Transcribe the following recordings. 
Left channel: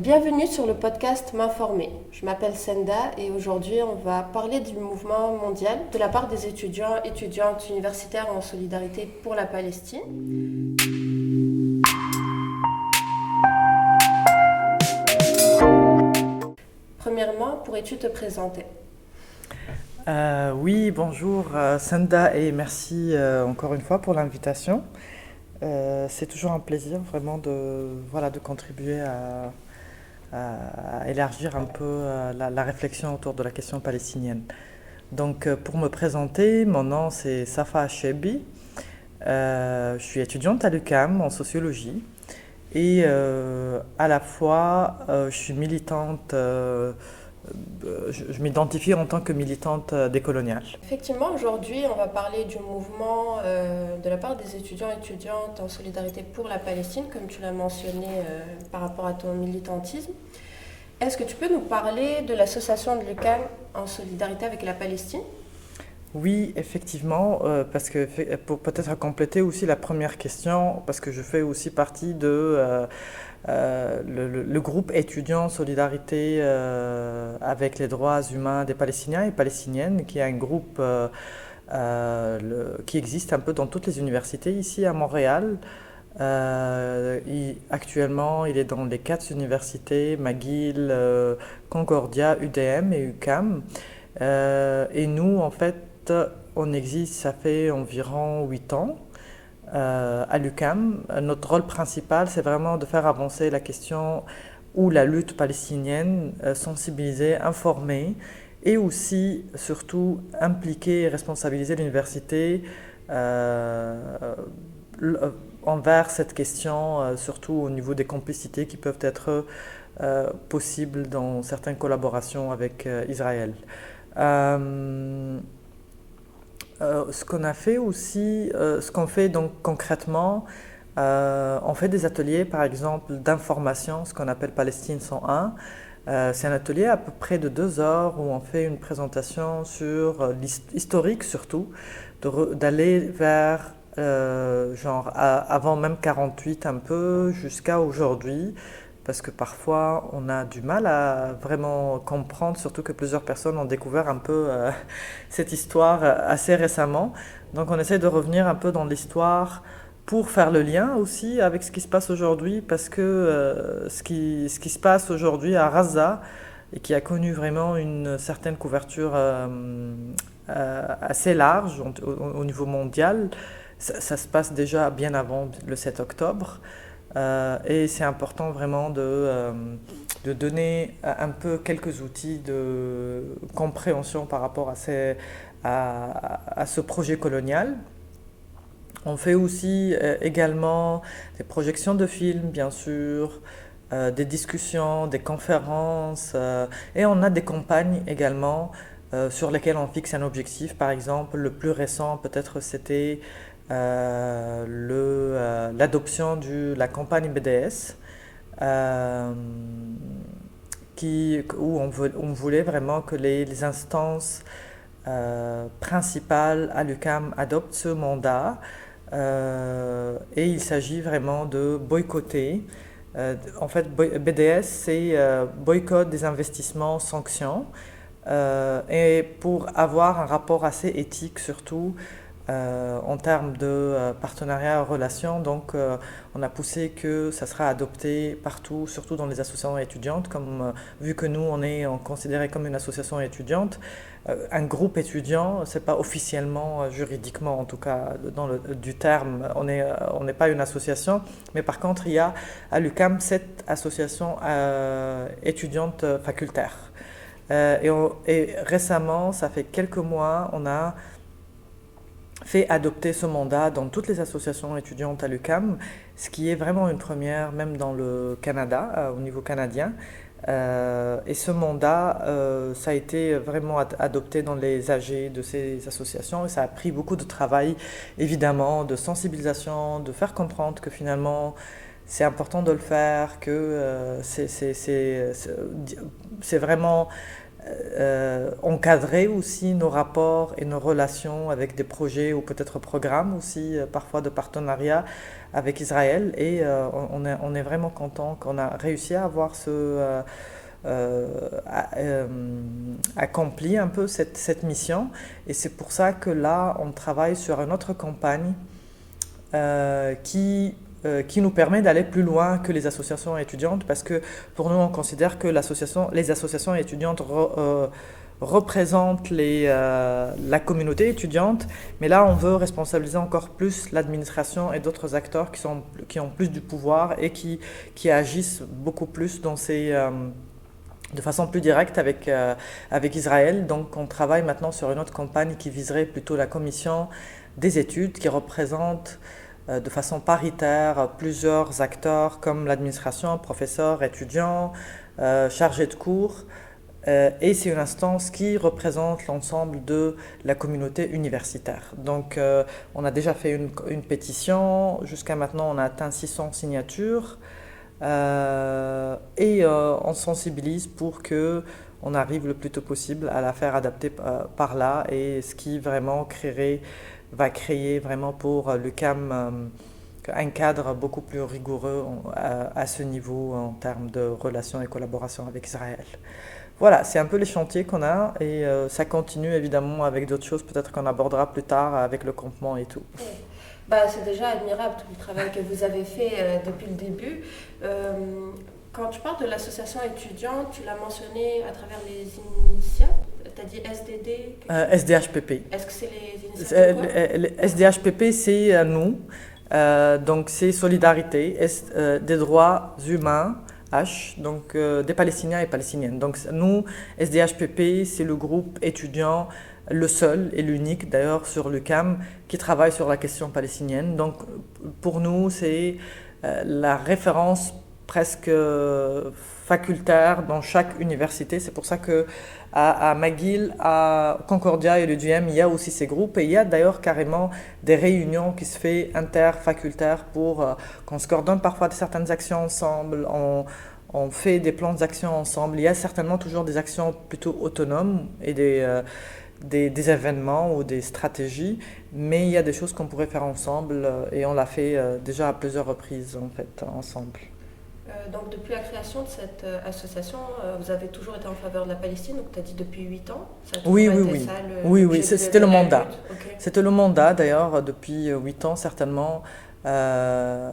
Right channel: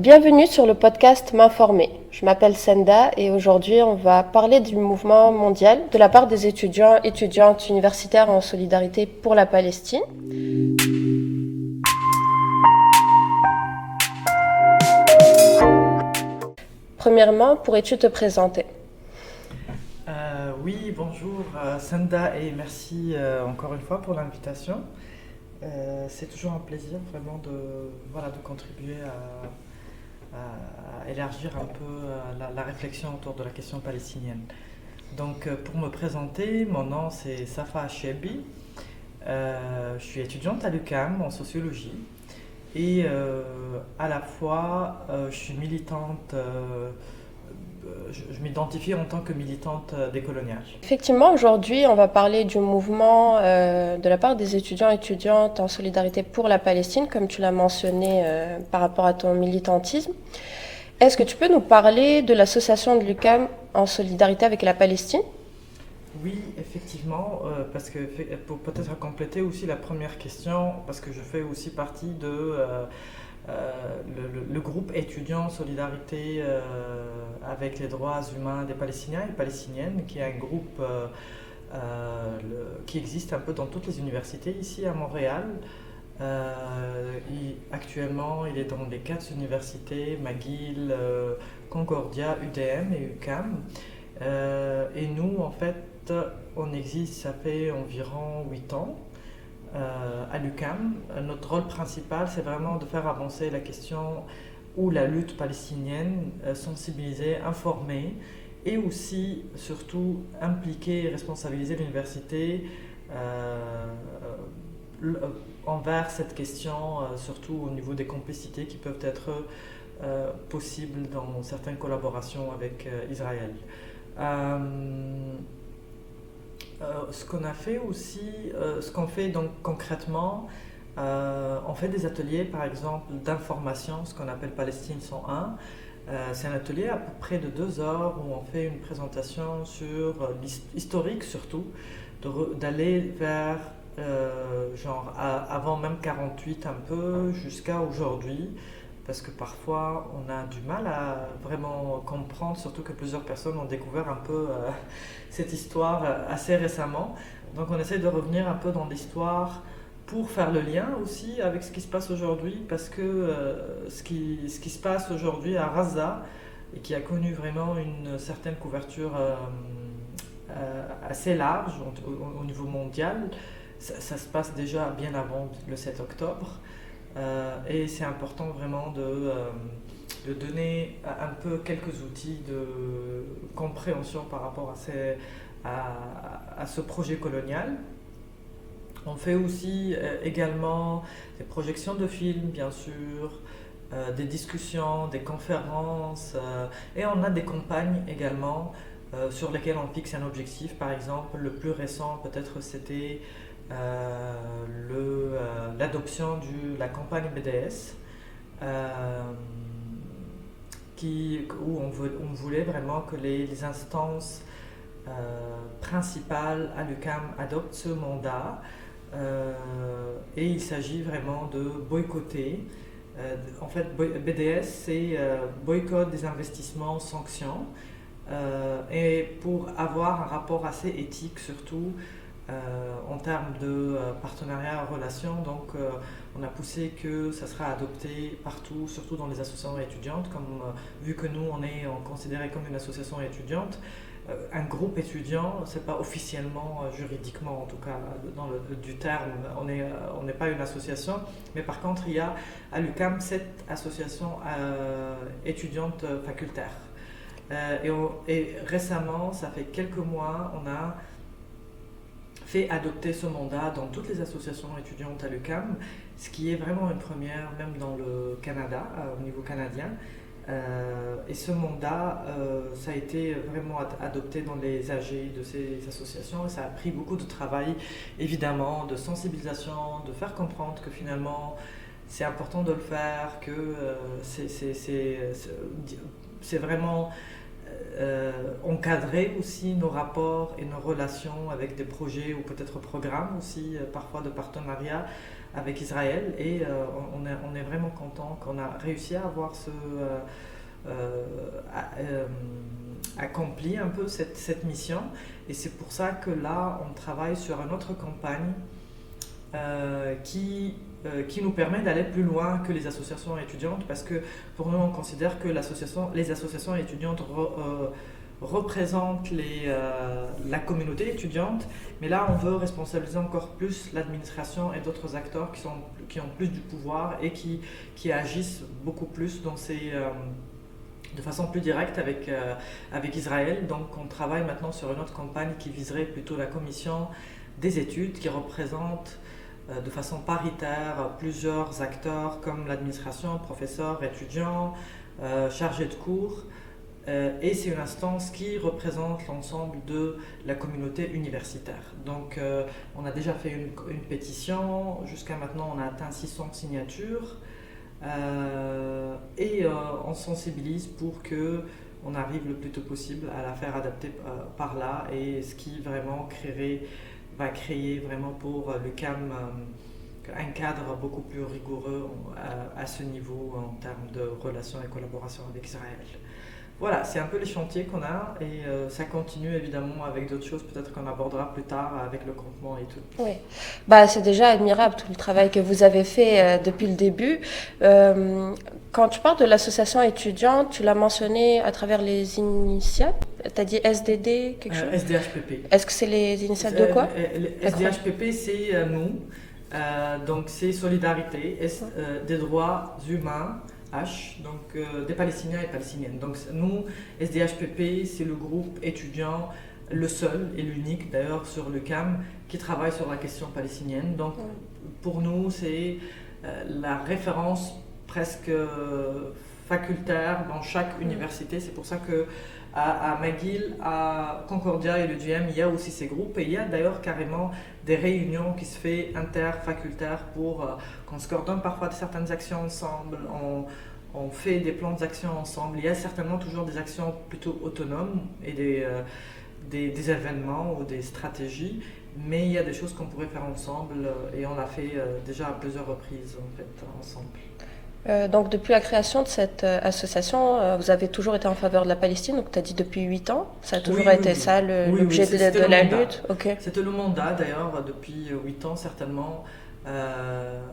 Bienvenue sur le podcast M'informer. Je m'appelle Senda et aujourd'hui on va parler du mouvement mondial de la part des étudiants et étudiantes universitaires en solidarité pour la Palestine. Premièrement, pourrais-tu te présenter? Oui, bonjour Senda et merci encore une fois pour l'invitation. C'est toujours un plaisir vraiment de contribuer à élargir un peu la réflexion autour de la question palestinienne. Donc pour me présenter, mon nom c'est Safa Achebi. Je suis étudiante à l'UQAM en sociologie et à la fois je suis militante, je m'identifie en tant que militante décoloniale. Effectivement, aujourd'hui on va parler du mouvement de la part des étudiants et étudiantes en solidarité pour la Palestine, comme tu l'as mentionné par rapport à ton militantisme. Est-ce que tu peux nous parler de l'association de l'UQAM en solidarité avec la Palestine? Oui, effectivement, parce que pour peut-être compléter aussi la première question, parce que je fais aussi partie de le groupe étudiant Solidarité avec les droits humains des Palestiniens et Palestiniennes, qui est un groupe qui existe un peu dans toutes les universités ici à Montréal. Actuellement, il est dans les quatre universités, McGill, Concordia, UDM et UQAM. Et nous, en fait, on existe, ça fait environ 8 ans à l'UQAM. Notre rôle principal, c'est vraiment de faire avancer la question ou la lutte palestinienne, sensibiliser, informer et aussi, surtout, impliquer et responsabiliser l'université euh, envers cette question, surtout au niveau des complicités qui peuvent être possibles dans certaines collaborations avec Israël. Euh, ce qu'on a fait aussi, ce qu'on fait donc concrètement, on fait des ateliers par exemple d'information, ce qu'on appelle Palestine 101. C'est un atelier à peu près de 2 heures où on fait une présentation sur l'historique surtout, d'aller vers avant même 48 un peu jusqu'à aujourd'hui, parce que parfois on a du mal à vraiment comprendre, surtout que plusieurs personnes ont découvert un peu cette histoire assez récemment. Donc on essaie de revenir un peu dans l'histoire pour faire le lien aussi avec ce qui se passe aujourd'hui, parce que ce qui se passe aujourd'hui à Gaza, et qui a connu vraiment une certaine couverture assez large au niveau mondial, ça se passe déjà bien avant le 7 octobre. Et c'est important vraiment de donner un peu quelques outils de compréhension par rapport à ce projet colonial. On fait aussi également des projections de films, bien sûr, des discussions, des conférences, et on a des campagnes également sur lesquelles on fixe un objectif. Par exemple, le plus récent, peut-être, c'était l'adoption de la campagne BDS, euh, où on voulait vraiment que les instances principales à l'UQAM adoptent ce mandat. Et il s'agit vraiment de boycotter. En fait, BDS, c'est boycott des investissements, sanctions. Et pour avoir un rapport assez éthique surtout en termes de partenariat, relations, donc on a poussé que ça sera adopté partout, surtout dans les associations étudiantes, comme vu que nous on considéré comme une association étudiante, un groupe étudiant, c'est pas officiellement, juridiquement en tout cas, du terme, on n'est pas une association, mais par contre il y a à l'UQAM cette association étudiante facultaire. Et récemment, ça fait quelques mois, on a fait adopter ce mandat dans toutes les associations étudiantes à l'UQAM, ce qui est vraiment une première, même dans le Canada, au niveau canadien. Et ce mandat, ça a été vraiment adopté dans les AG de ces associations et ça a pris beaucoup de travail, évidemment, de sensibilisation, de faire comprendre que finalement c'est important de le faire, que c'est vraiment encadrer aussi nos rapports et nos relations avec des projets ou peut-être programmes aussi, parfois de partenariat, avec Israël et on est vraiment content qu'on a réussi à avoir accompli un peu cette mission et c'est pour ça que là on travaille sur une autre campagne qui nous permet d'aller plus loin que les associations étudiantes parce que pour nous on considère que les associations étudiantes représentent la communauté étudiante, mais là on veut responsabiliser encore plus l'administration et d'autres acteurs qui ont plus du pouvoir et qui agissent beaucoup plus de façon plus directe avec Israël. Donc on travaille maintenant sur une autre campagne qui viserait plutôt la commission des études qui représente de façon paritaire plusieurs acteurs comme l'administration, professeurs, étudiants, chargés de cours. Et c'est une instance qui représente l'ensemble de la communauté universitaire. Donc on a déjà fait une pétition, jusqu'à maintenant on a atteint 600 signatures et on sensibilise pour que on arrive le plus tôt possible à la faire adapter par là et ce qui vraiment va créer vraiment pour l'UQAM un cadre beaucoup plus rigoureux à ce niveau en termes de relations et collaboration avec Israël. Voilà, c'est un peu les chantiers qu'on a et ça continue évidemment avec d'autres choses peut-être qu'on abordera plus tard avec le campement et tout. Oui. C'est déjà admirable tout le travail que vous avez fait depuis le début. Quand tu parles de l'association étudiante, tu l'as mentionné à travers les initiales. Tu as dit SDD, quelque chose? SDHPP. Est-ce que c'est les initiales de quoi? SDHPP, c'est nous. Donc c'est Solidarité des droits humains, donc des Palestiniens et Palestiniennes. Donc nous, SDHPP, c'est le groupe étudiant, le seul et l'unique d'ailleurs sur l'UQAM qui travaille sur la question palestinienne. Donc pour nous, c'est la référence presque facultaire dans chaque université. C'est pour ça que à McGill, à Concordia et l'UDM, il y a aussi ces groupes et il y a d'ailleurs carrément des réunions qui se font interfacultaires pour qu'on se coordonne parfois de certaines actions ensemble, on fait des plans d'action ensemble. Il y a certainement toujours des actions plutôt autonomes et des événements ou des stratégies, mais il y a des choses qu'on pourrait faire ensemble et on l'a fait déjà à plusieurs reprises en fait ensemble. Donc depuis la création de cette association, vous avez toujours été en faveur de la Palestine, donc tu as dit depuis 8 ans, ça a toujours été ça l'objet c'était de le la mandat. lutte. Okay. C'était le mandat d'ailleurs depuis 8 ans certainement, que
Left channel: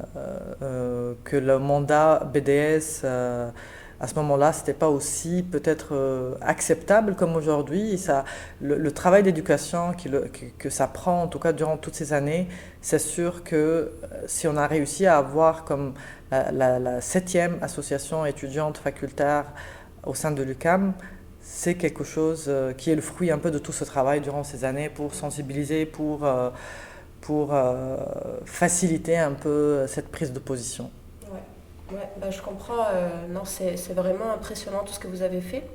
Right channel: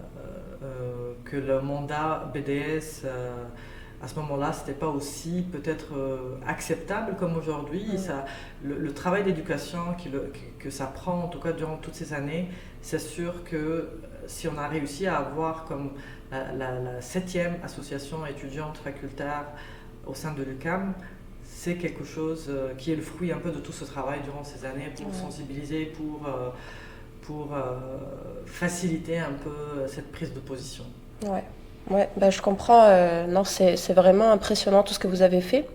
le mandat BDS à ce moment-là, c'était pas aussi peut-être acceptable comme aujourd'hui. Le travail d'éducation que ça prend, en tout cas durant toutes ces années, c'est sûr que si on a réussi à avoir comme la 7e association étudiante facultaire au sein de l'UQAM, c'est quelque chose qui est le fruit un peu de tout ce travail durant ces années pour sensibiliser, pour faciliter un peu cette prise de position. Ouais, je comprends. Non, c'est vraiment impressionnant tout ce que vous avez fait.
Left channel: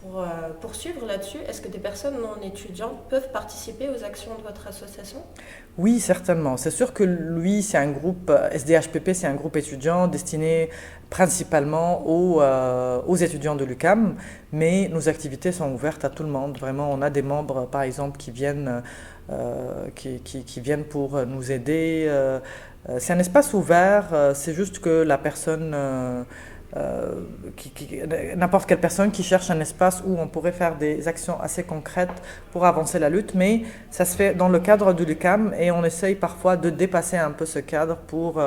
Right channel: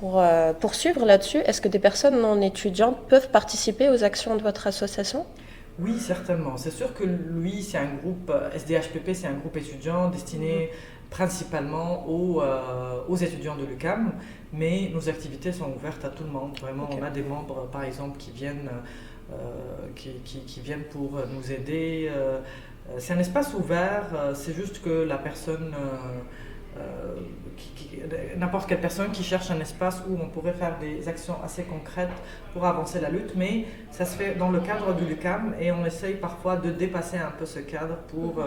Pour poursuivre là-dessus, est-ce que des personnes non étudiantes peuvent participer aux actions de votre association? Oui, certainement. C'est sûr que lui, c'est un groupe, SDHPP, c'est un groupe étudiant destiné principalement aux étudiants de l'UQAM, mais nos activités sont ouvertes à tout le monde. Vraiment, on a des membres, par exemple, qui viennent pour nous aider. C'est un espace ouvert, c'est juste que la personne, n'importe quelle personne qui cherche un espace où on pourrait faire des actions assez concrètes pour avancer la lutte, mais ça se fait dans le cadre de l'UQAM et on essaye parfois de dépasser un peu ce cadre pour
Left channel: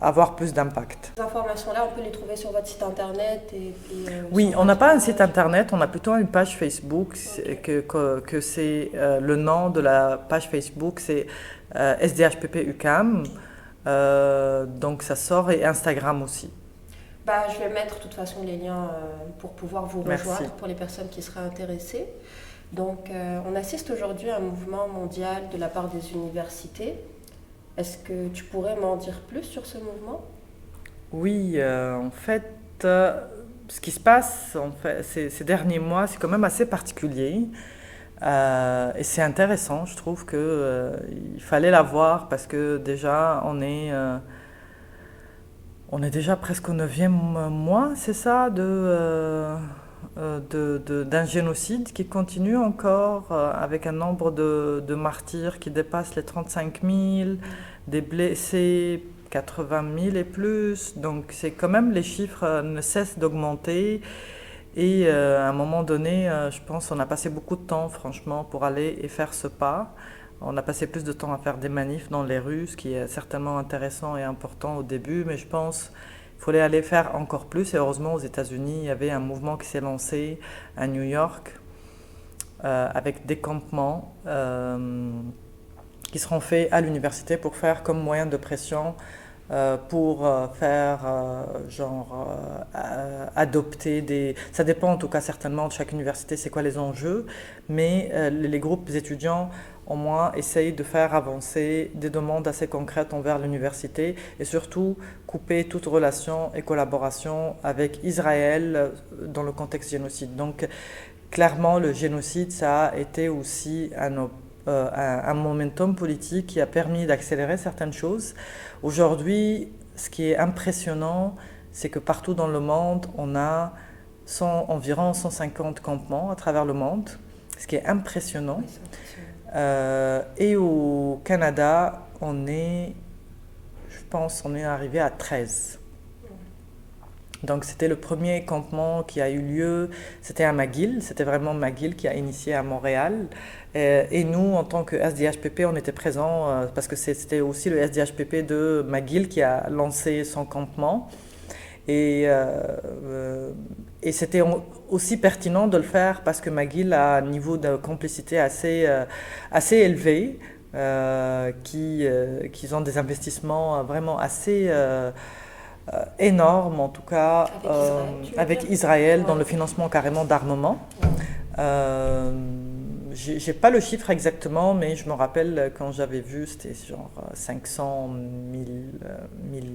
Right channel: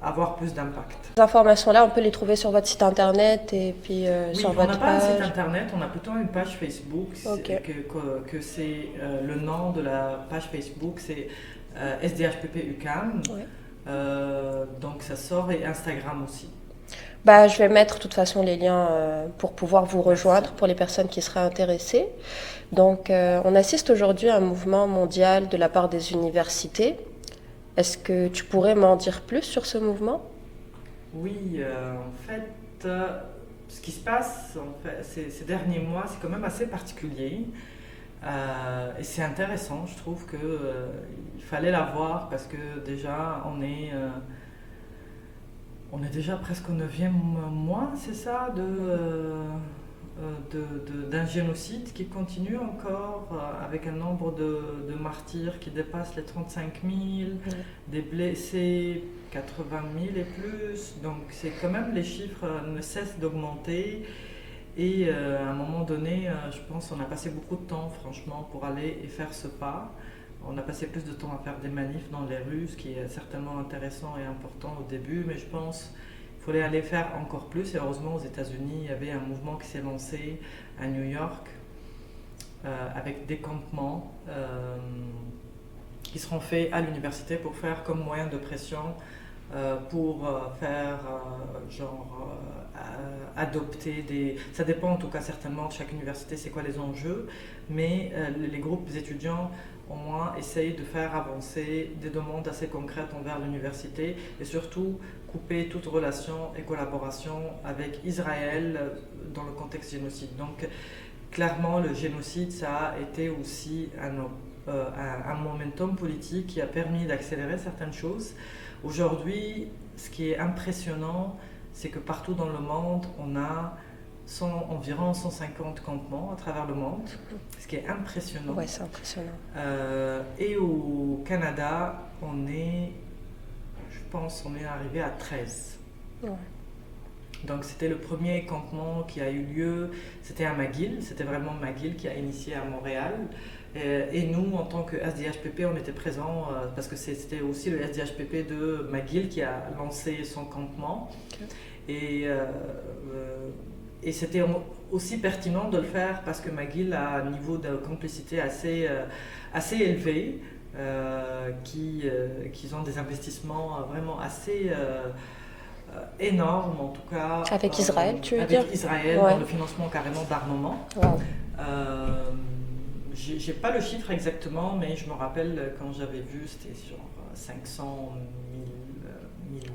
avoir plus d'impact. Ces informations-là, on peut les trouver sur votre site internet et puis oui, sur on n'a votre pas un page. site internet, on a plutôt une page Facebook, Ok. que c'est le nom de la page Facebook, c'est SDHPP UQAM, donc ça sort, et Instagram aussi. Je vais mettre de toute façon les liens pour pouvoir vous rejoindre. Merci. Pour les personnes qui seraient intéressées. Donc on assiste aujourd'hui à un mouvement mondial de la part des universités. Est-ce que tu pourrais m'en dire plus sur ce mouvement? Oui, en fait, ce qui se passe ces derniers mois, c'est quand même assez particulier. Et c'est intéressant, je trouve qu'il fallait la voir parce que déjà, on est déjà presque au 9e mois, c'est ça, d'un génocide qui continue encore avec un nombre de martyrs qui dépasse les 35 000, des blessés 80 000 et plus. Donc c'est quand même, les chiffres ne cessent d'augmenter. Et à un moment donné, je pense qu'on a passé beaucoup de temps, franchement, pour aller et faire ce pas. On a passé plus de temps à faire des manifs dans les rues, ce qui est certainement intéressant et important au début, mais je pense qu'il fallait aller faire encore plus. Et heureusement, aux États-Unis, il y avait un mouvement qui s'est lancé à New York avec des campements qui seront faits à l'université pour faire comme moyen de pression pour faire adopter des... Ça dépend en tout cas certainement de chaque université, c'est quoi les enjeux, mais les groupes étudiants au moins essayent de faire avancer des demandes assez concrètes envers l'université et surtout couper toute relation et collaboration avec Israël dans le contexte génocide. Donc clairement le génocide, ça a été aussi un momentum politique qui a permis d'accélérer certaines choses. Aujourd'hui, ce qui est impressionnant, c'est que partout dans le monde, on a environ 150 campements à travers le monde, ce qui est impressionnant. Oui, c'est impressionnant. Et au Canada, je pense, on est arrivé à 13. Ouais. Donc c'était le premier campement qui a eu lieu, c'était à McGill, c'était vraiment McGill qui a initié à Montréal. Et nous, en tant que SDHPP, on était présents parce que c'était aussi le SDHPP de McGill qui a lancé son campement. Et c'était aussi pertinent de le faire parce que McGill a un niveau de complicité assez élevé, qu'ils ont des investissements vraiment assez énormes, en tout cas. Avec Israël, tu veux avec dire Israël, ouais. Dans le financement carrément d'armement. Wow. J'ai pas le chiffre exactement, mais je me rappelle quand j'avais vu, c'était genre 500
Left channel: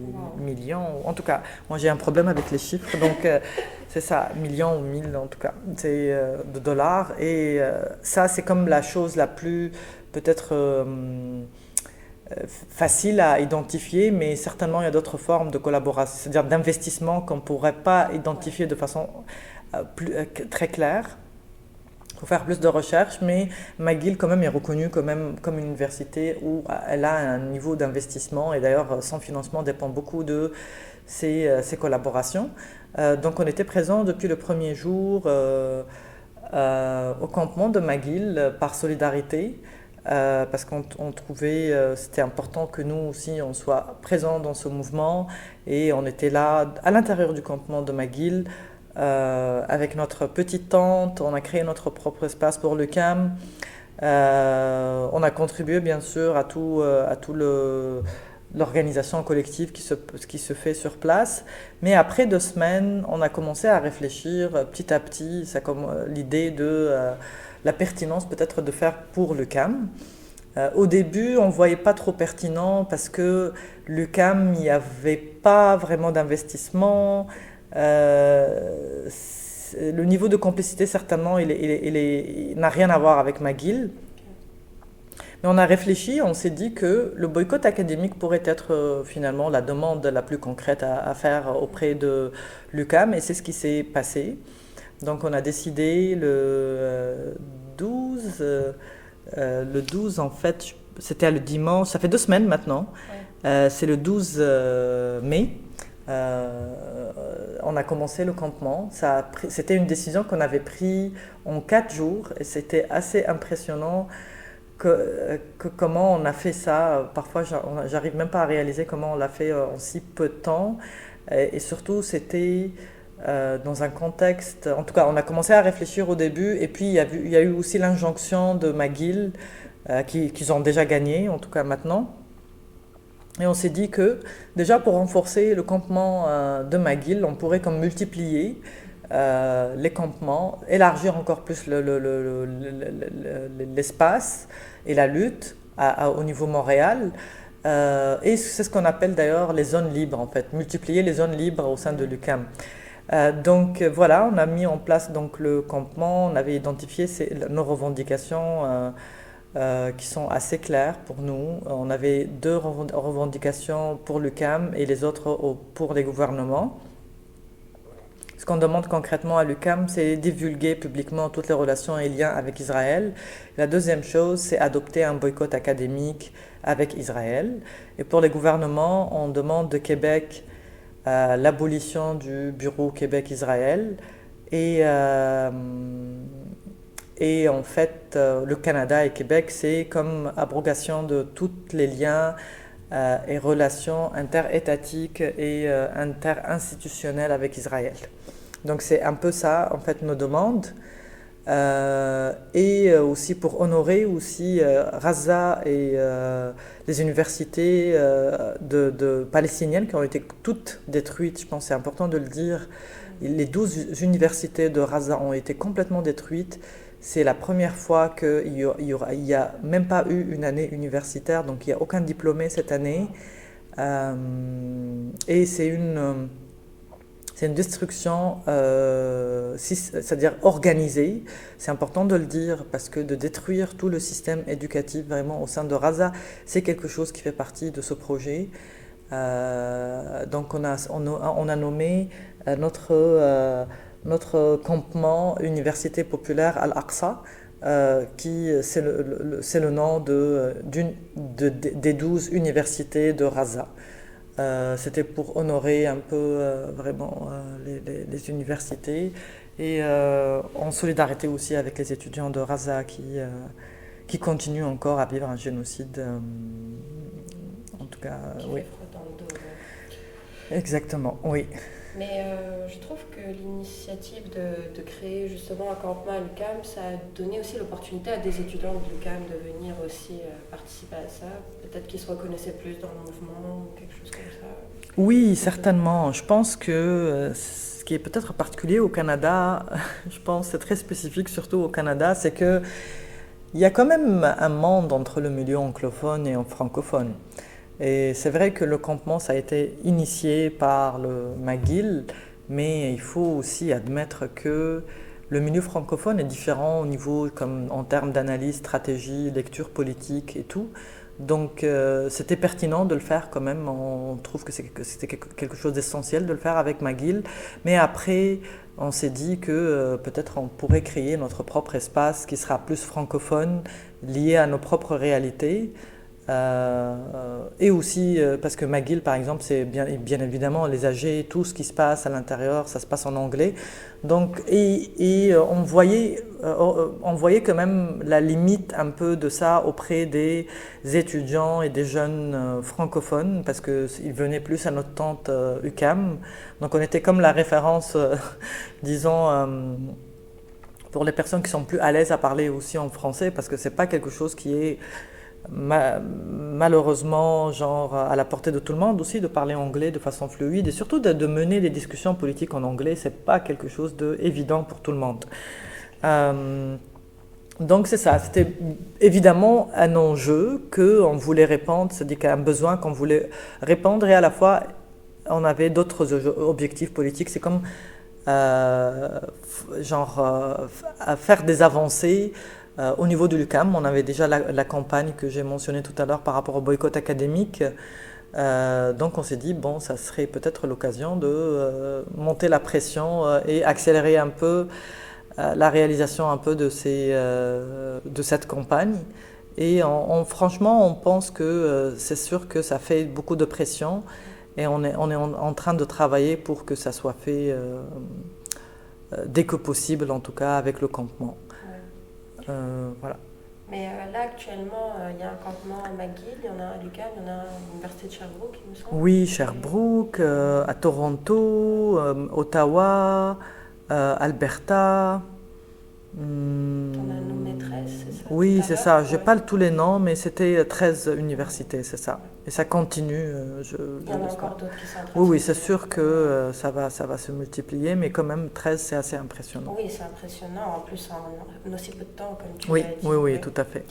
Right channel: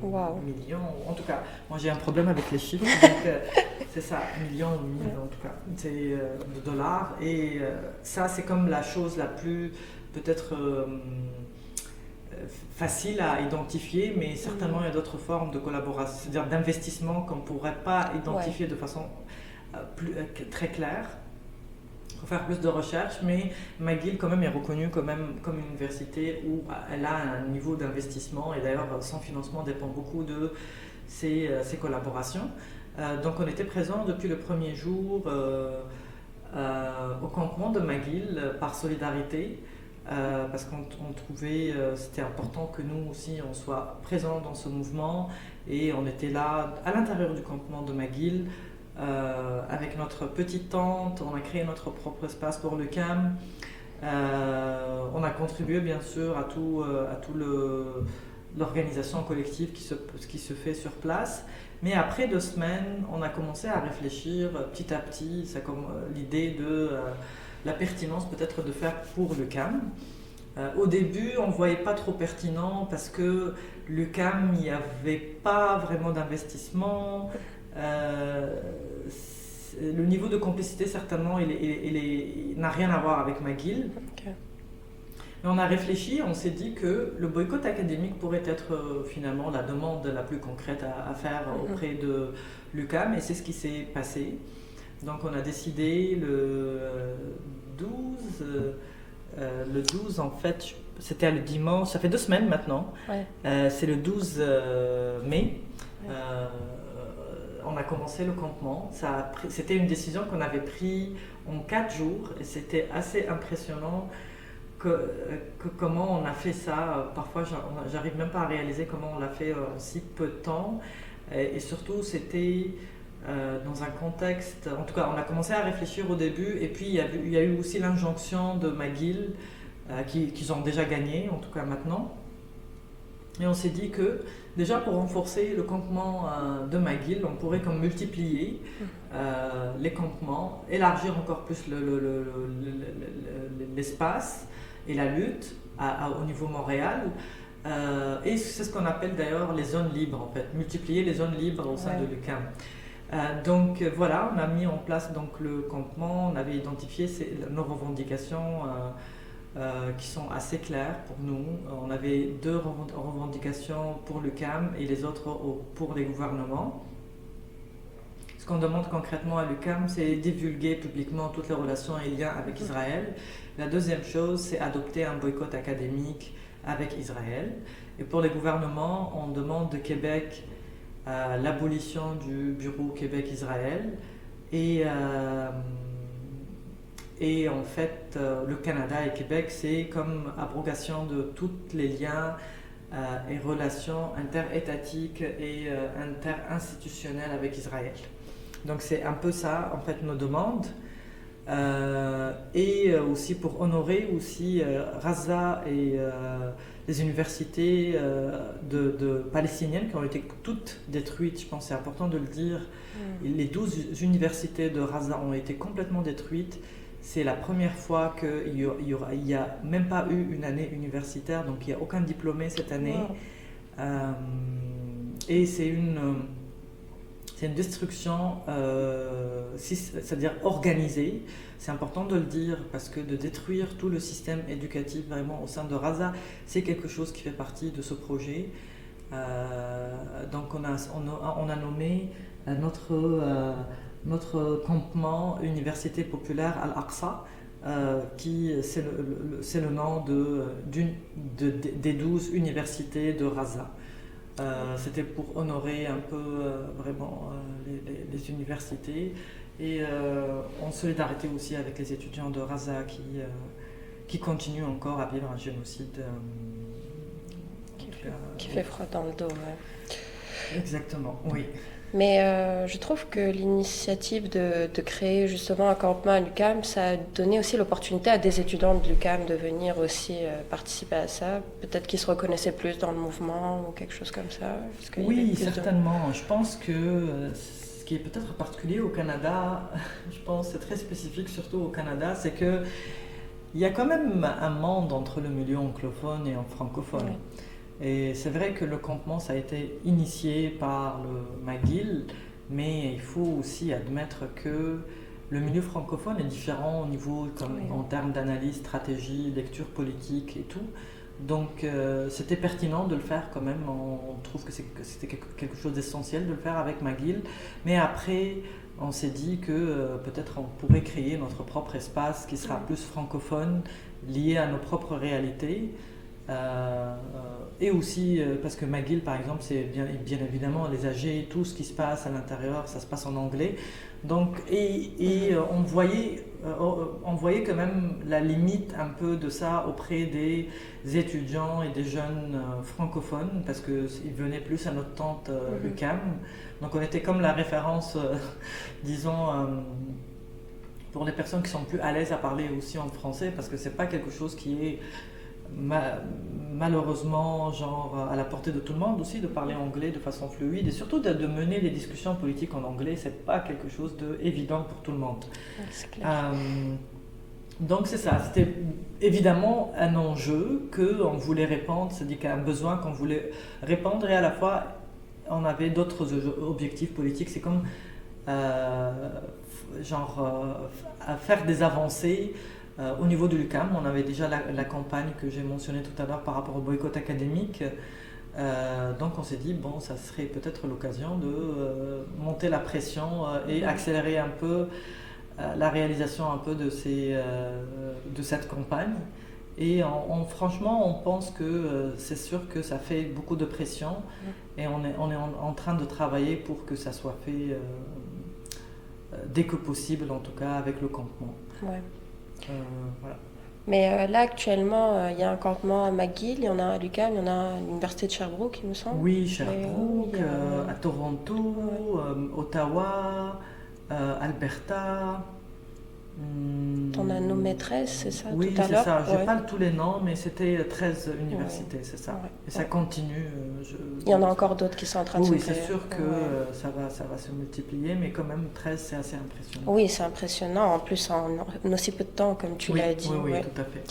wow. millions. En tout cas, moi j'ai un problème avec les chiffres, donc c'est ça, millions ou 1000 en tout cas, c'est de dollars. Et ça, c'est comme la chose la plus peut-être facile à identifier, mais certainement il y a d'autres formes de collaboration, c'est-à-dire d'investissement qu'on ne pourrait pas identifier de façon très claire. Il faut faire plus de recherches, mais McGill quand même est reconnue comme une université où elle a un niveau d'investissement et d'ailleurs son financement dépend beaucoup de ses collaborations. Donc on était présents depuis le premier jour au campement de McGill par solidarité. Parce qu'on trouvait c'était important que nous aussi on soit présents dans ce mouvement et on était là à l'intérieur du campement de McGill avec notre petite tente, on a créé notre propre espace pour le CAM, on a contribué bien sûr à tout l'organisation collective qui se fait sur place, mais après 2 semaines on a commencé à réfléchir petit à petit, l'idée de la pertinence peut-être de faire pour l'UQAM. Au début, on ne voyait pas trop pertinent parce que l'UQAM, il n'y avait pas vraiment d'investissement. Le niveau de complicité, certainement, il n'a rien à voir avec McGill. Okay. Mais on a réfléchi, on s'est dit que le boycott académique pourrait être finalement la demande la plus concrète à faire auprès de l'UQAM, et c'est ce qui s'est passé. Donc on a décidé le 12 en fait, c'était le dimanche, ça fait 2 semaines maintenant, c'est le 12 mai, on a commencé le campement. C'était une décision qu'on avait prise en 4 jours et c'était assez impressionnant que comment on a fait ça. Parfois j'arrive même pas à réaliser comment on l'a fait en si peu de temps et surtout c'était... dans un contexte, en tout cas on a commencé à réfléchir au début et puis il y a eu aussi l'injonction de McGill qu'ils ont déjà gagné en tout cas maintenant, et on s'est dit que déjà pour renforcer le campement de McGill on pourrait comme multiplier les campements, élargir encore plus l'espace et la lutte au niveau Montréal. Et c'est ce qu'on appelle d'ailleurs les zones libres en fait, multiplier les zones libres au sein de l'UQAM. Donc voilà, on a mis en place donc le campement, on avait identifié nos revendications qui sont assez claires pour nous. On avait 2 revendications pour l'UQAM et les autres pour les gouvernements. Ce qu'on demande concrètement à l'UQAM, c'est divulguer publiquement toutes les relations et liens avec Israël. La deuxième chose, c'est adopter un boycott académique avec Israël. Et pour les gouvernements, on demande de Québec l'abolition du bureau Québec-Israël et en fait, le Canada et Québec, c'est comme abrogation de tous les liens et relations interétatiques et interinstitutionnelles avec Israël. Donc c'est un peu ça, en fait, nos demandes. Et aussi pour honorer aussi Raza et les universités palestiniennes qui ont été toutes détruites. Je pense que c'est important de le dire. Les 12 universités de Raza ont été complètement détruites. C'est la première fois qu'il n'y a même pas eu une année universitaire, donc il n'y a aucun diplômé cette année. Et c'est une destruction, c'est-à-dire organisée. C'est important de le dire parce que de détruire tout le système éducatif vraiment au sein de Raza, c'est quelque chose qui fait partie de ce projet. Donc on a nommé notre campement Université populaire Al-Aqsa, qui c'est le nom des 12 universités de Raza. C'était pour honorer un peu vraiment les universités et en solidarité aussi avec les étudiants de Raza qui continuent encore à vivre un génocide, en tout cas. Qui oui. fait froid dans le dos. Ouais. Exactement, oui. Mais je trouve que l'initiative de créer justement un campement à l'UQAM, ça a donné aussi l'opportunité à des étudiants de l'UQAM de venir aussi participer à ça. Peut-être qu'ils se reconnaissaient plus dans le mouvement ou quelque chose comme ça. Oui, certainement. Je pense que ce qui est peut-être particulier au Canada, je pense c'est très spécifique surtout au Canada, c'est que il y a quand même un monde entre le milieu anglophone et francophone. Et c'est vrai que le campement, ça a été initié par le McGill, mais il faut aussi admettre que le milieu francophone est différent au niveau, comme en termes d'analyse, stratégie, lecture politique et tout. Donc c'était pertinent de le faire quand même, on trouve que c'était quelque chose d'essentiel de le faire avec McGill. Mais après, on s'est dit que peut-être on pourrait créer notre propre espace qui sera plus francophone, lié à nos propres réalités. Et aussi parce que McGill par exemple c'est bien évidemment les AG, tout ce qui se passe à l'intérieur ça se passe en anglais donc on voyait quand même la limite un peu de ça auprès des étudiants et des jeunes francophones parce qu'ils venaient plus à notre tante UQAM, donc on était comme la référence disons pour les personnes qui sont plus à l'aise à parler aussi en français parce que c'est pas quelque chose qui est malheureusement genre à la portée de tout le monde aussi de parler anglais de façon fluide et surtout de mener des discussions politiques en anglais, c'est pas quelque chose d'évident pour tout le monde. Donc c'est ça, c'était évidemment un enjeu qu'on voulait répondre, c'est-à-dire un besoin qu'on voulait répondre et à la fois on avait d'autres objectifs politiques, c'est comme faire des avancées. Au niveau de l'UQAM, on avait déjà la campagne que j'ai mentionnée tout à l'heure par rapport au boycott académique. Donc on s'est dit, bon, ça serait peut-être l'occasion de monter la pression et accélérer un peu la réalisation un peu de cette campagne. Et franchement, on pense que c'est sûr que ça fait beaucoup de pression et on est en train de travailler pour que ça soit fait dès que possible, en tout cas avec le campement. Ouais. Voilà. Mais là, actuellement, il y a un campement à McGill, il y en a à l'UQAM, il y en a à l'université de Sherbrooke, il me semble. Oui, Sherbrooke, à Toronto, Ottawa, Alberta. T'en as nommé 13, c'est ça? Oui, c'est ça. J'ai ouais. pas tous les noms, mais c'était 13 universités, c'est ça. Ouais. Et ça continue. Il y en a encore d'autres qui sont en train oui, de oui, se c'est créer. sûr que ça va se multiplier, mais quand même 13, c'est assez impressionnant. Oui, c'est impressionnant. En plus, en aussi peu de temps, comme tu Oui, l'as dit. oui, oui, ouais. tout à fait.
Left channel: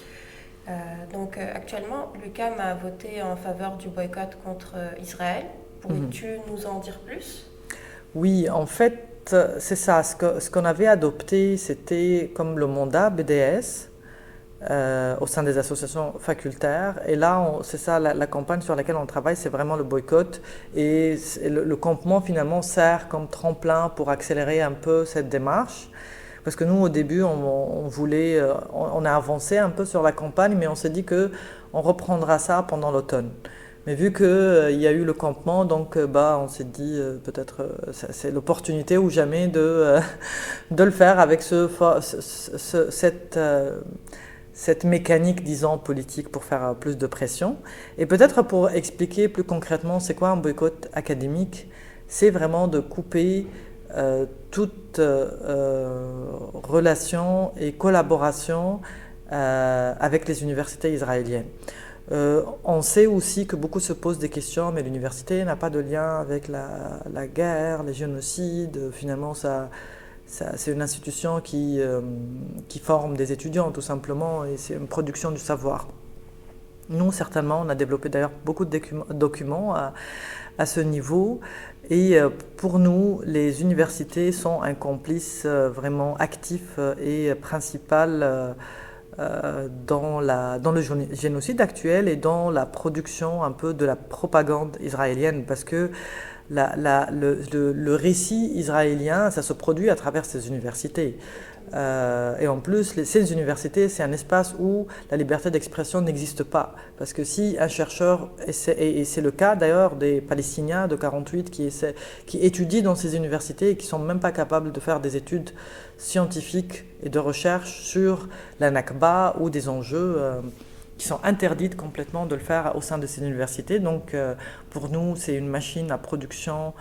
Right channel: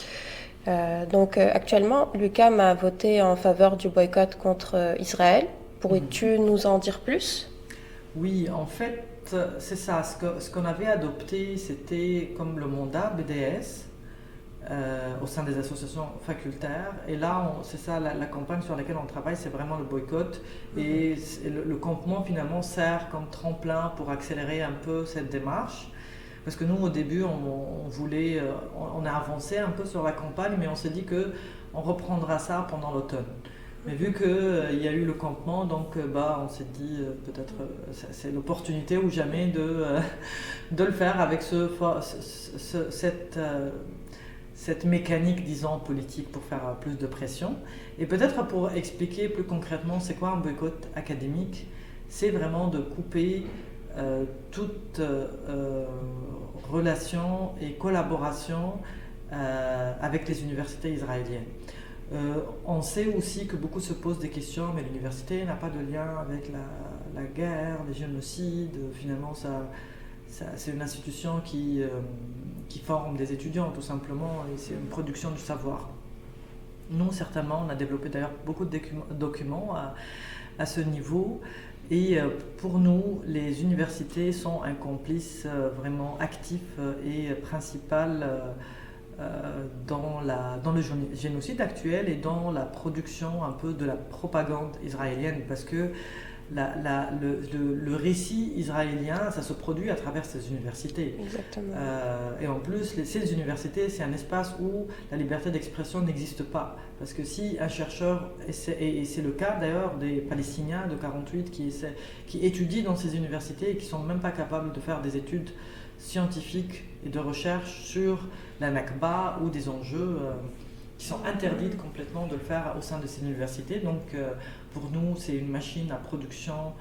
Donc actuellement, l'UQAM a voté en faveur du boycott contre Israël. Pourrais-tu nous en dire plus? Oui, en fait, c'est ça. Ce qu'on avait adopté, c'était comme le mandat BDS. au sein des associations facultaires. Et là, c'est ça la campagne sur laquelle on travaille, c'est vraiment le boycott. Et le campement, finalement, sert comme tremplin pour accélérer un peu cette démarche. Parce que nous, au début, on a avancé un peu sur la campagne, mais on s'est dit qu'on reprendra ça pendant l'automne. Mais vu qu'il y a eu le campement, donc on s'est dit peut-être c'est l'opportunité ou jamais de le faire avec cette mécanique, disons, politique pour faire plus de pression. Et peut-être pour expliquer plus concrètement c'est quoi un boycott académique, c'est vraiment de couper toute relation et collaboration avec les universités israéliennes. On sait aussi que beaucoup se posent des questions, mais l'université n'a pas de lien avec la guerre, les génocides. Finalement, c'est une institution qui forme des étudiants, tout simplement, et c'est une production du savoir. Nous, certainement, on a développé d'ailleurs beaucoup de documents à ce niveau. Et pour nous, les universités sont un complice vraiment actif et principal dans le génocide actuel et dans la production un peu de la propagande israélienne, parce que le récit israélien, ça se produit à travers ces universités. Et en plus, ces universités, c'est un espace où la liberté d'expression n'existe pas. Parce que si un chercheur, et c'est le cas d'ailleurs des Palestiniens de 48 qui étudient dans ces universités et qui ne sont même pas capables de faire des études scientifiques et de recherche sur la Nakba ou des enjeux qui sont interdites complètement de le faire au sein de ces universités. Donc pour nous, c'est une machine à production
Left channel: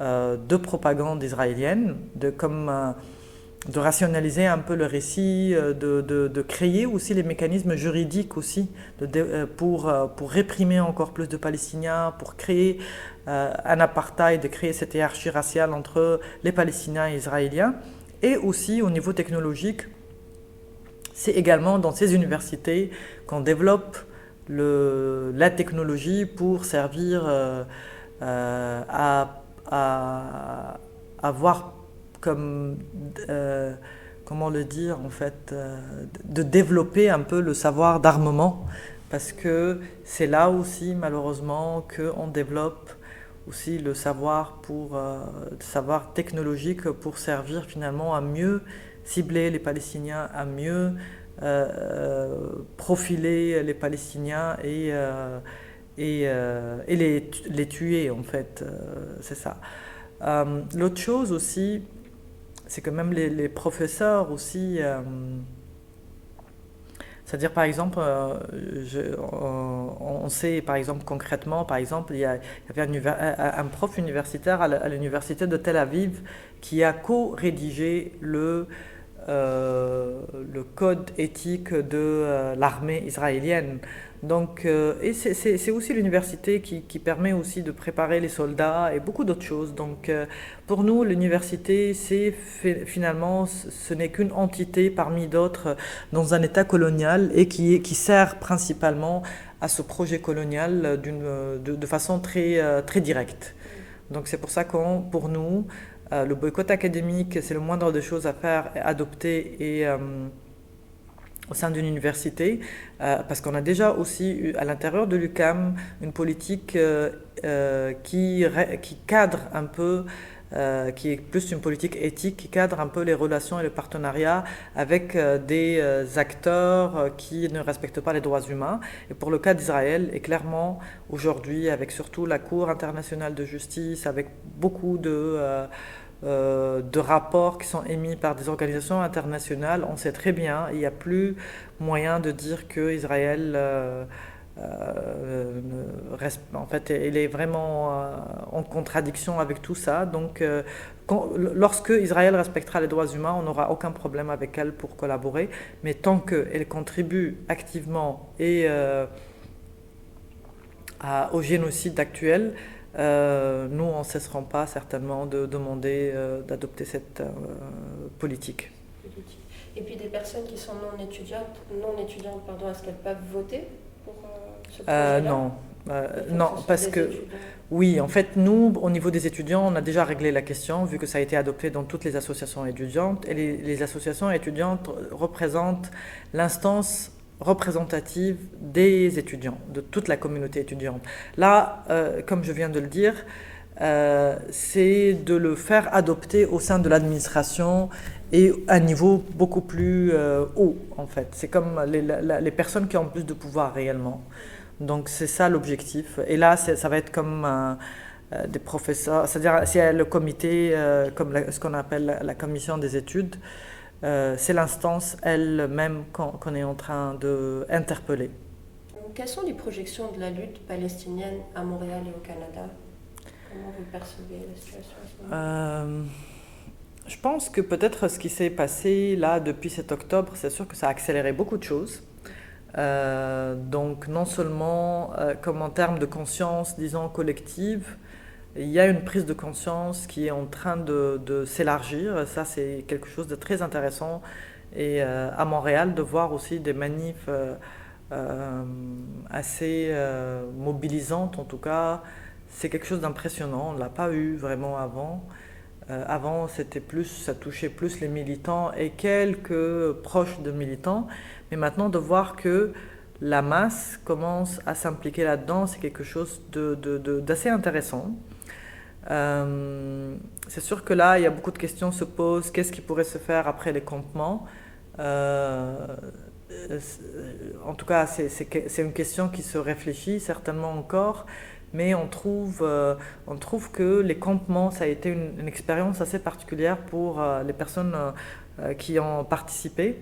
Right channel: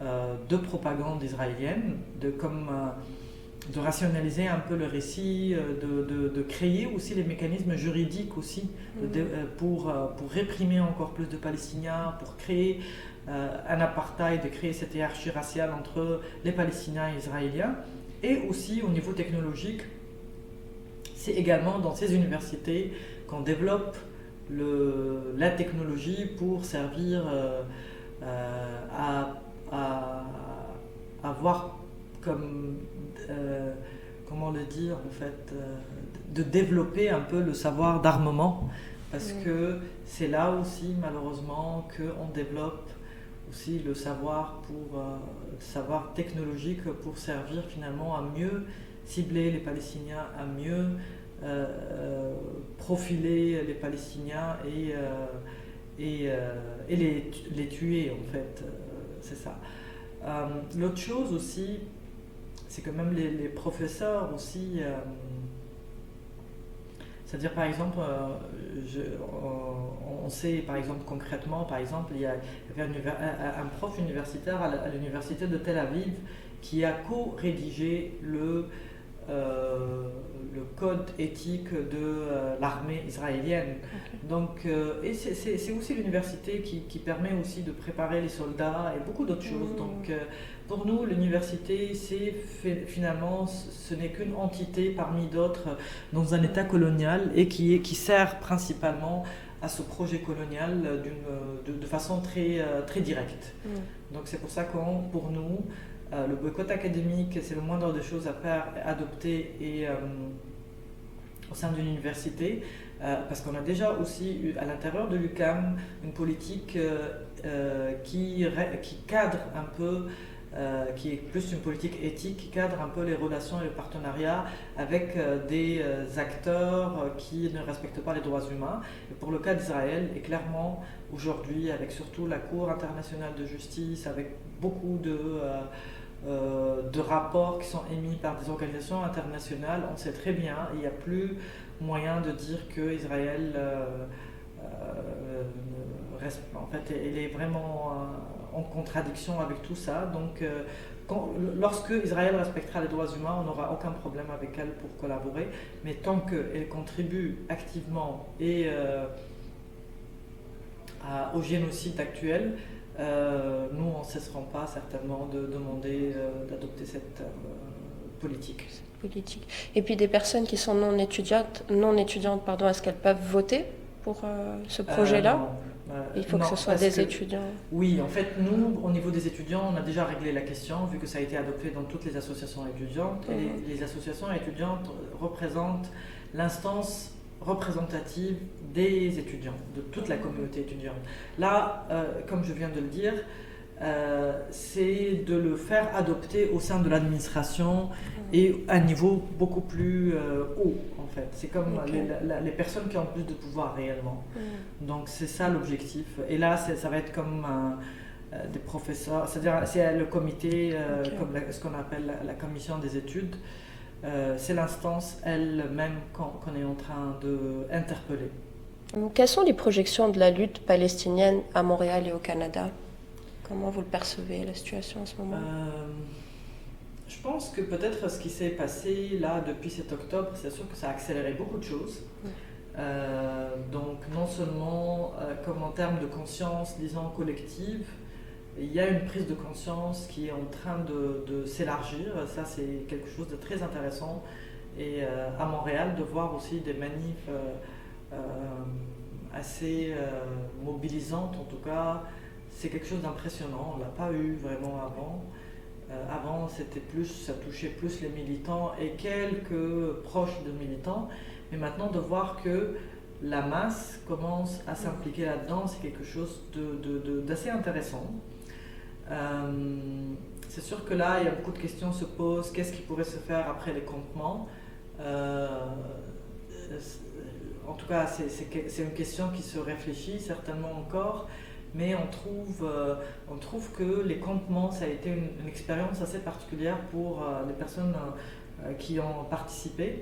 de propagande israélienne, de rationaliser un peu le récit, de créer aussi les mécanismes juridiques aussi pour réprimer encore plus de Palestiniens, pour créer un apartheid, de créer cette hiérarchie raciale entre les Palestiniens et les Israéliens. Et aussi au niveau technologique, c'est également dans ces universités qu'on développe la technologie pour servir à avoir comme, comment le dire en fait, de développer un peu le savoir d'armement, parce que c'est là aussi malheureusement qu'on développe aussi le savoir technologique pour servir finalement à mieux cibler les Palestiniens, à mieux profiler les Palestiniens et les tuer en fait, c'est ça. L'autre chose aussi, c'est que même les professeurs aussi, c'est-à-dire par exemple, on sait par exemple concrètement, par exemple, il y avait un prof universitaire à l'université de Tel Aviv qui a co-rédigé le code éthique de l'armée israélienne. Donc, et c'est aussi l'université qui permet aussi de préparer les soldats et beaucoup d'autres choses. Donc, pour nous, l'université, finalement, ce n'est qu'une entité parmi d'autres dans un État colonial et qui sert principalement à ce projet colonial de façon très, très directe. Donc, c'est pour ça pour nous, le boycott académique, c'est le moindre des choses à faire, adopter au sein d'une université, parce qu'on a déjà aussi eu à l'intérieur de l'UQAM une politique qui cadre un peu, qui est plus une politique éthique, qui cadre un peu les relations et les partenariats avec des acteurs qui ne respectent pas les droits humains. Et pour le cas d'Israël, et clairement aujourd'hui, avec surtout la Cour internationale de justice, avec beaucoup de rapports qui sont émis par des organisations internationales, on sait très bien, il n'y a plus moyen de dire que Israël en fait, il est vraiment en contradiction avec tout ça. Donc, lorsque Israël respectera les droits humains, on n'aura aucun problème avec elle pour collaborer. Mais tant qu'elle contribue activement au génocide actuel, nous, on ne cesserons pas certainement de demander d'adopter cette politique. Et puis des personnes qui sont non étudiantes, est-ce qu'elles peuvent voter pour ce projet-là? Il faut que ce soit des étudiants. Oui, en fait, nous, au niveau des étudiants, on a déjà réglé la question, vu que ça a été adopté dans toutes les associations étudiantes. Et les associations étudiantes représentent l'instance représentative des étudiants, de toute la communauté étudiante. Là, comme je viens de le dire, c'est de le faire adopter au sein de l'administration et à un niveau beaucoup plus haut, en fait. C'est comme les personnes qui ont plus de pouvoir réellement. Donc c'est ça l'objectif. Et là, ça va être comme des professeurs, c'est-à-dire c'est le comité, comme ce qu'on appelle la commission des études. C'est l'instance elle-même qu'on est en train d'interpeller. Quelles sont les projections de la lutte palestinienne à Montréal et au Canada? Comment vous le percevez, la situation à ce moment? Je pense que peut-être ce qui s'est passé là depuis cet octobre, c'est sûr que ça a accéléré beaucoup de choses. Donc non seulement comme en termes de conscience, disons, collective, il y a une prise de conscience qui est en train de s'élargir. Ça, c'est quelque chose de très intéressant. Et à Montréal, de voir aussi des manifs assez mobilisantes, en tout cas, c'est quelque chose d'impressionnant. On ne l'a pas eu vraiment avant. Avant, c'était plus, ça touchait plus les militants et quelques proches de militants. Mais maintenant, de voir que la masse commence à s'impliquer là-dedans, c'est quelque chose d'assez intéressant. C'est sûr que là, il y a beaucoup de questions se posent. Qu'est-ce qui pourrait se faire après les campements? En tout cas, c'est une question qui se réfléchit certainement encore. Mais on trouve que les campements, ça a été une expérience assez particulière pour les personnes qui ont participé.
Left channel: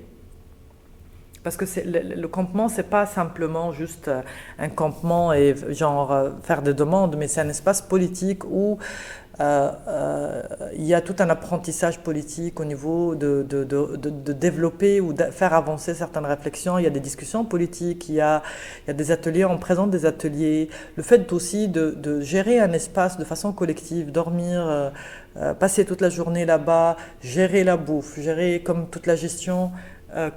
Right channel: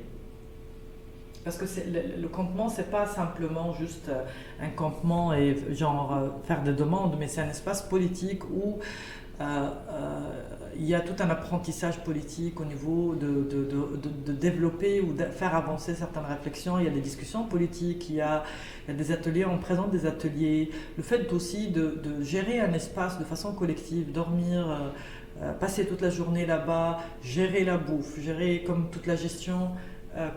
Parce que le campement, c'est pas simplement juste un campement et genre faire des demandes, mais c'est un espace politique où il y a tout un apprentissage politique au niveau de développer ou de faire avancer certaines réflexions. Il y a des discussions politiques, il y a des ateliers, on présente des ateliers. Le fait aussi de gérer un espace de façon collective, dormir, passer toute la journée là-bas, gérer la bouffe, gérer comme toute la gestion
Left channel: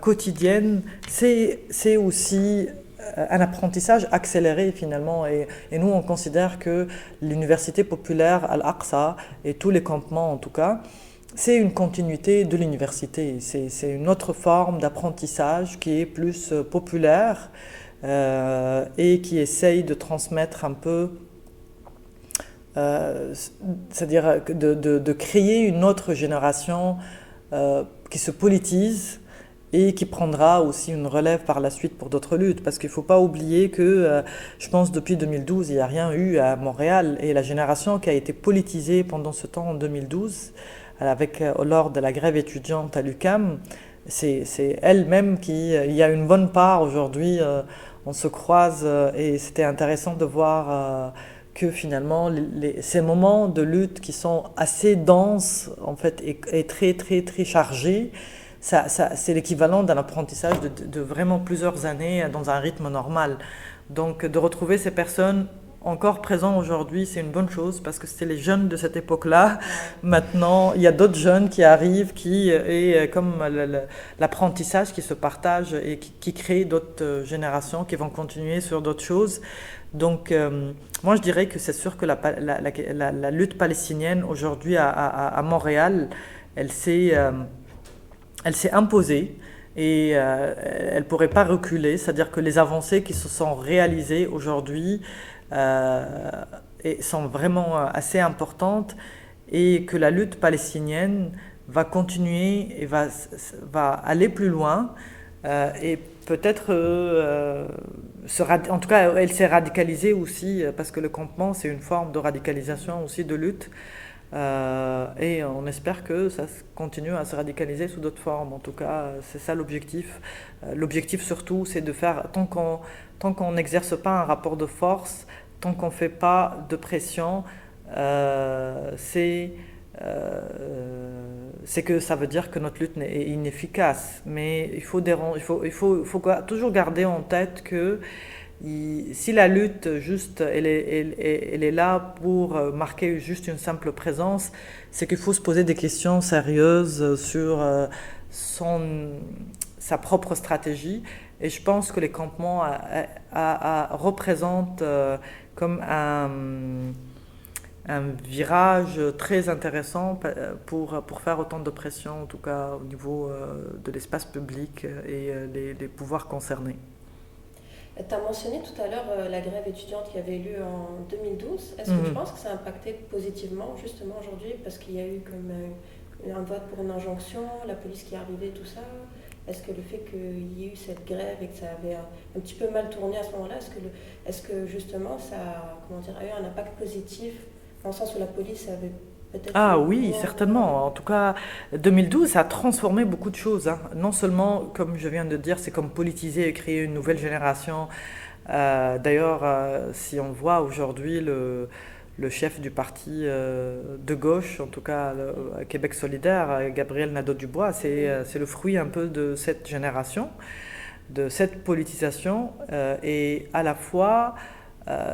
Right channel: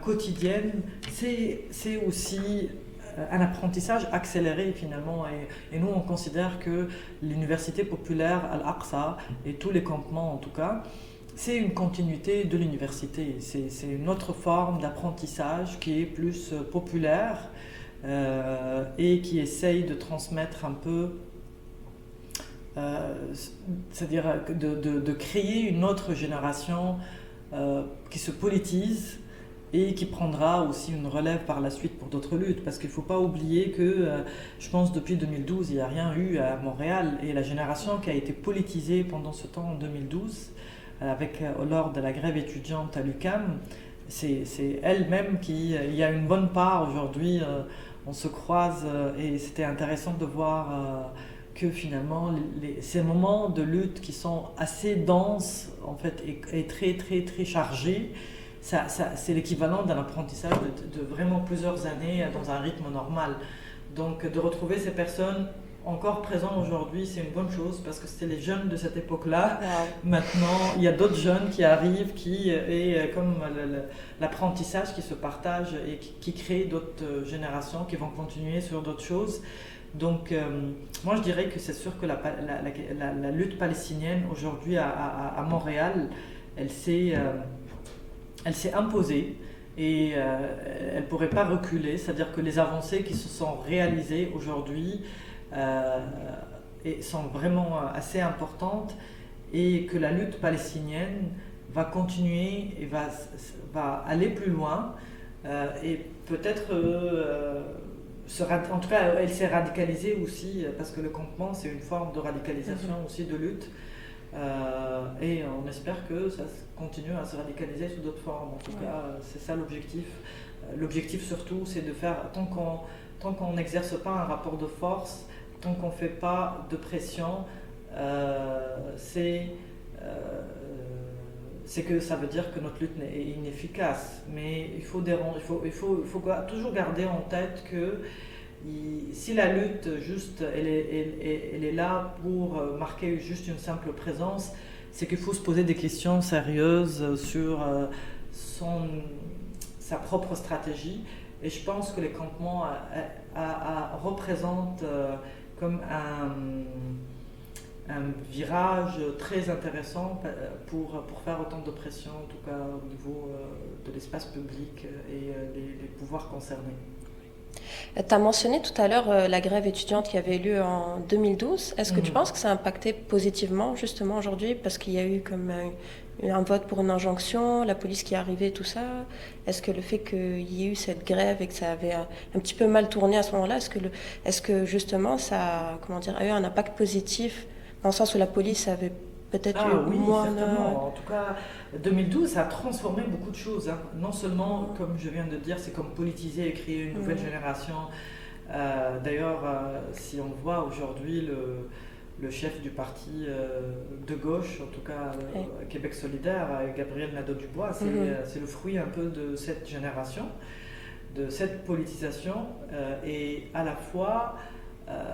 quotidienne, c'est aussi un apprentissage accéléré finalement. Et nous, on considère que l'université populaire Al-Aqsa et tous les campements en tout cas, c'est une continuité de l'université. C'est une autre forme d'apprentissage qui est plus populaire et qui essaye de transmettre un peu, c'est-à-dire de créer une autre génération qui se politise et qui prendra aussi une relève par la suite pour d'autres luttes. Parce qu'il ne faut pas oublier que, je pense, depuis 2012, il n'y a rien eu à Montréal. Et la génération qui a été politisée pendant ce temps, en 2012, lors de la grève étudiante à l'UQAM, c'est elle-même qui... Il y a une bonne part aujourd'hui, on se croise, et c'était intéressant de voir que finalement, ces moments de lutte qui sont assez denses, en fait, et très, très, très chargés, c'est l'équivalent d'un apprentissage de vraiment plusieurs années dans un rythme normal. Donc de retrouver ces personnes encore présentes aujourd'hui, c'est une bonne chose parce que c'était les jeunes de cette époque-là. Ouais. Maintenant, il y a d'autres jeunes qui arrivent, et comme l'apprentissage qui se partage et qui crée d'autres générations qui vont continuer sur d'autres choses. Donc moi je dirais que c'est sûr que la lutte palestinienne aujourd'hui à Montréal, elle s'est imposée et elle ne pourrait pas reculer, c'est-à-dire que les avancées qui se sont réalisées aujourd'hui sont vraiment assez importantes et que la lutte palestinienne va continuer et va aller plus loin et peut-être, en tout cas elle s'est radicalisée aussi parce que le campement c'est une forme de radicalisation aussi de lutte. Et on espère que ça continue à se radicaliser sous d'autres formes. En tout cas, c'est ça l'objectif. L'objectif surtout, c'est de faire, tant qu'on n'exerce pas un rapport de force, tant qu'on ne fait pas de pression, c'est que ça veut dire que notre lutte est inefficace. Mais il faut toujours garder en tête que si la lutte juste elle est là pour marquer juste une simple présence, c'est qu'il faut se poser des questions sérieuses sur sa propre stratégie. Et je pense que les campements représentent comme un virage très intéressant pour faire autant de pression, en tout cas au niveau de l'espace public et les pouvoirs concernés. Tu as mentionné tout à l'heure la grève étudiante qui avait eu lieu en 2012. Est-ce que tu penses que ça a impacté positivement justement aujourd'hui parce qu'il y a eu comme un vote pour une injonction, la police qui est arrivée, tout ça? Est-ce que le fait qu'il y ait eu cette grève et que ça avait un petit peu mal tourné à ce moment-là, est-ce que justement ça comment dire, a eu un impact positif dans le sens où la police avait peut-être Ah eu oui, moins certainement. En tout cas, 2012, ça a transformé beaucoup de choses, hein. Non seulement, comme je viens de dire, c'est comme politiser et créer une nouvelle génération. D'ailleurs, si on voit aujourd'hui le chef du parti de gauche, en tout cas Québec solidaire, Gabriel Nadeau-Dubois, c'est le fruit un peu de cette génération, de cette politisation. Et à la fois,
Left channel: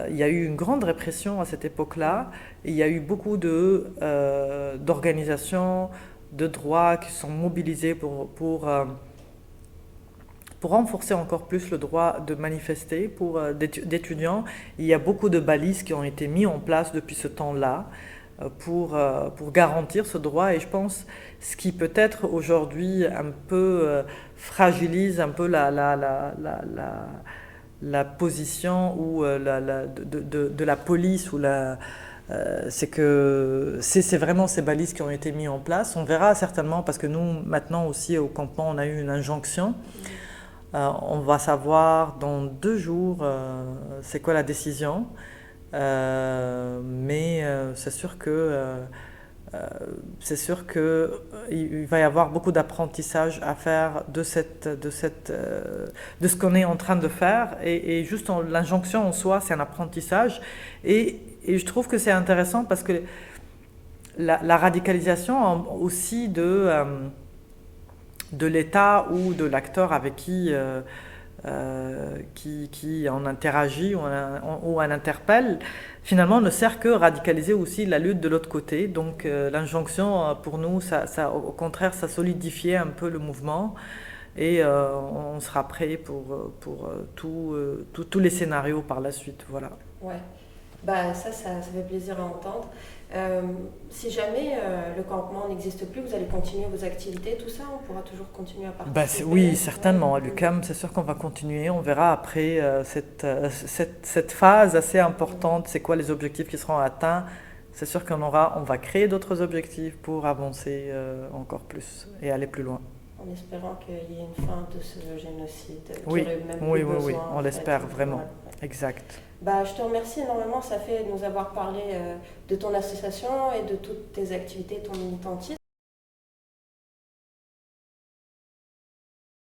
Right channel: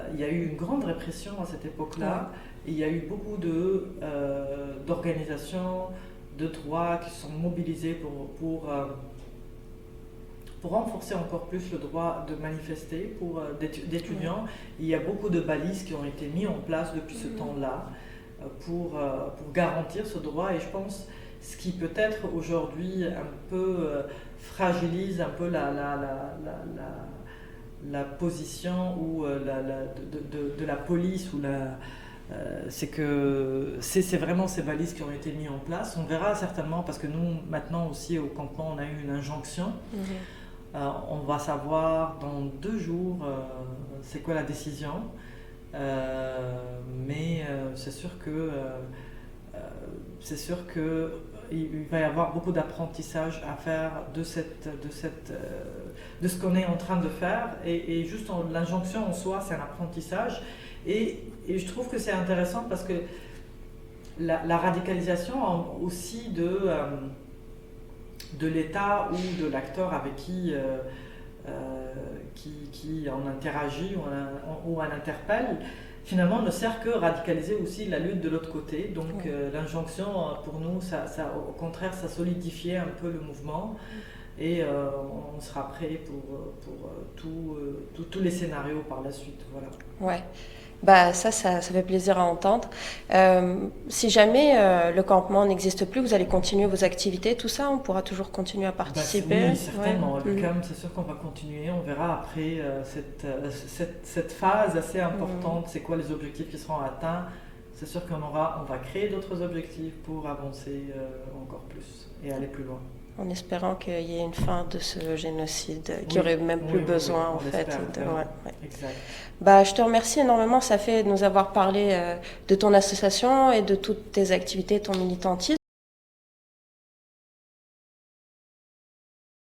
il y a eu une grande répression à cette époque-là. Il y a eu beaucoup d'organisations de droits qui sont mobilisées pour renforcer encore plus le droit de manifester d'étudiants. Il y a beaucoup de balises qui ont été mises en place depuis ce temps-là pour garantir ce droit. Et je pense ce qui peut-être aujourd'hui un peu fragilise un peu la position ou de la police ou c'est que c'est vraiment ces balises qui ont été mises en place. On verra certainement parce que nous maintenant aussi au campement on a eu une injonction. On va savoir dans 2 jours c'est quoi la décision. Mais c'est sûr que il va y avoir beaucoup d'apprentissage à faire de ce qu'on est en train de faire et juste l'injonction en soi c'est un apprentissage et je trouve que c'est intéressant parce que la radicalisation aussi de l'État ou de l'acteur avec qui en interagit ou on interpelle, finalement ne sert que radicaliser aussi la lutte de l'autre côté. Donc l'injonction pour nous, ça, au contraire, ça solidifiait un peu le mouvement et on sera prêt pour tous les scénarios par la suite. Voilà. Ouais. Bah ça fait plaisir à entendre. Si jamais le campement n'existe plus, vous allez continuer vos activités, tout ça, on pourra toujours continuer à participer. Oui, certainement. À l'UQAM, c'est sûr qu'on va continuer. On verra après cette phase assez importante, c'est quoi les objectifs qui seront atteints. C'est sûr on va créer d'autres objectifs pour avancer encore plus et aller plus loin. En espérant qu'il y ait une fin de ce génocide, qu'il Oui, n'y aurait même plus besoin. on l'espère vraiment. Ouais. Exact. Bah, je te remercie énormément, ça fait de nous avoir parlé de ton association et de toutes tes activités, ton militantisme.